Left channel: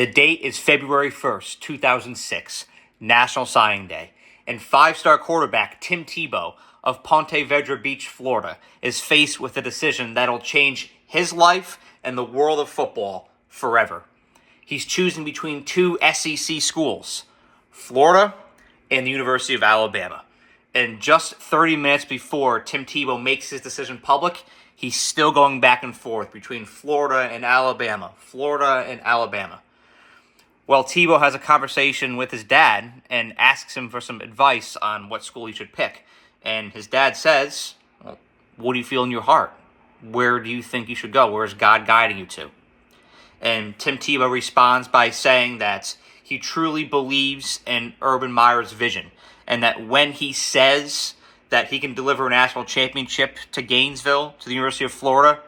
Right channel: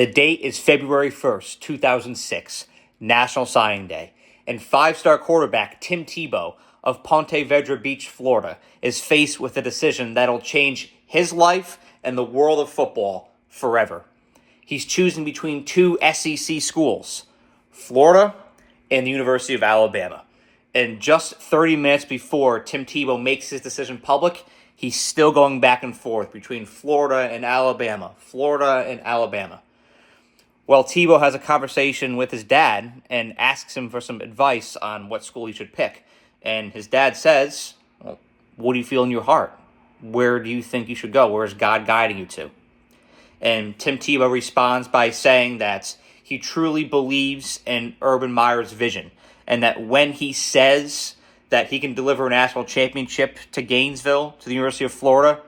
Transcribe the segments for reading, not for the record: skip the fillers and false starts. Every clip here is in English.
The date is February 1st, 2006, National Signing Day, and five-star quarterback Tim Tebow of Ponte Vedra Beach, Florida, is faced with a decision that'll change his life and the world of football forever. He's choosing between two SEC schools, Florida and the University of Alabama. And just 30 minutes before Tim Tebow makes his decision public, he's still going back and forth between Florida and Alabama. Well, Tebow has a conversation with his dad and asks him for some advice on what school he should pick. And his dad says, well, what do you feel in your heart? Where do you think you should go? Where is God guiding you to? And Tim Tebow responds by saying that he truly believes in Urban Meyer's vision, and that when he says that he can deliver a national championship to Gainesville, to the University of Florida,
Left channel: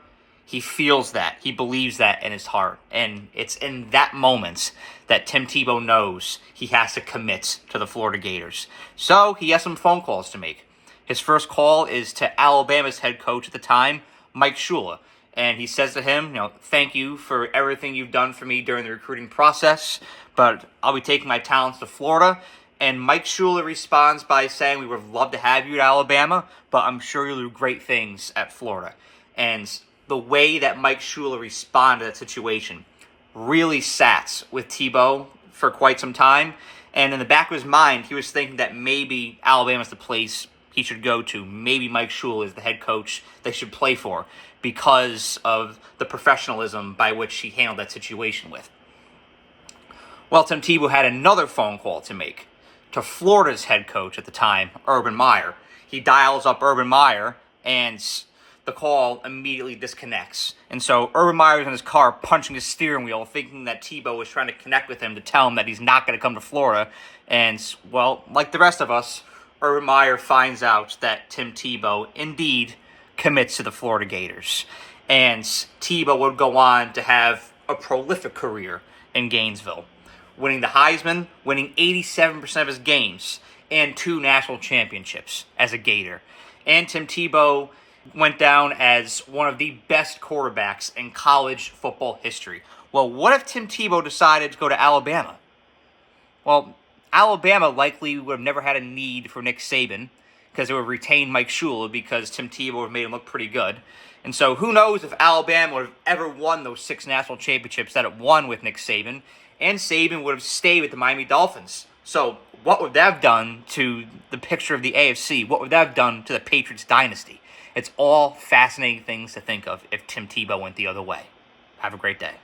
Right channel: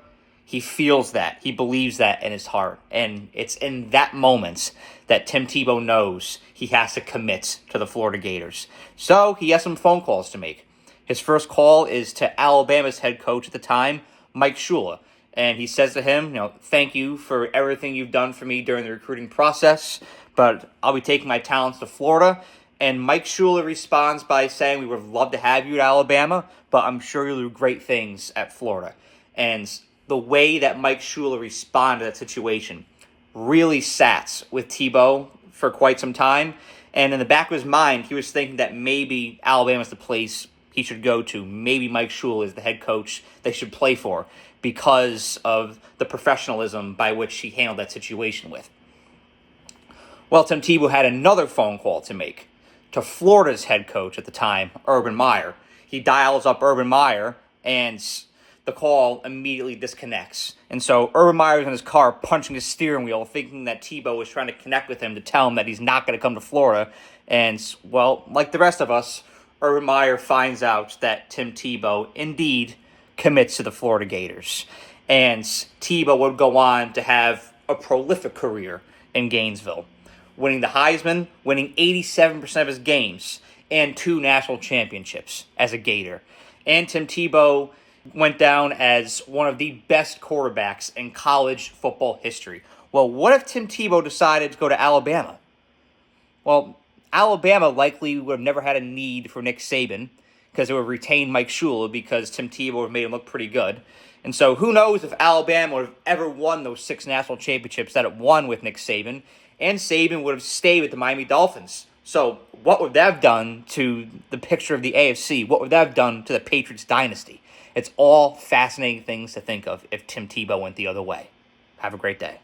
he feels that. He believes that in his heart. And it's in that moment that Tim Tebow knows he has to commit to the Florida Gators. So he has some phone calls to make. His first call is to Alabama's head coach at the time, Mike Shula. And he says to him, thank you for everything you've done for me during the recruiting process, but I'll be taking my talents to Florida. And Mike Shula responds by saying, we would love to have you at Alabama, but I'm sure you'll do great things at Florida. And the way that Mike Shula responded to that situation really sat with Tebow for quite some time. And in the back of his mind, he was thinking that maybe Alabama's the place he should go to. Maybe Mike Shula is the head coach they should play for because of the professionalism by which he handled that situation with. Well, Tim Tebow had another phone call to make to Florida's head coach at the time, Urban Meyer. He dials up Urban Meyer, and the call immediately disconnects. And so Urban Meyer's in his car punching his steering wheel, thinking that Tebow was trying to connect with him to tell him that he's not going to come to Florida. And, well, like the rest of us, Urban Meyer finds out that Tim Tebow indeed commits to the Florida Gators. And Tebow would go on to have a prolific career in Gainesville, winning the Heisman, winning 87% of his games, and 2 national championships as a Gator. And Tim Tebow went down as one of the best quarterbacks in college football history. Well, what if Tim Tebow decided to go to Alabama? Well, Alabama likely would have never had a need for Nick Saban because it would have retained Mike Shula because Tim Tebow would have made him look pretty good. And so who knows if Alabama would have ever won those 6 national championships that it won with Nick Saban, and Saban would have stayed with the Miami Dolphins. So what would that have done to the picture of the AFC? What would that have done to the Patriots dynasty? It's all fascinating things to think of if Tim Tebow went the other way. Have a great day.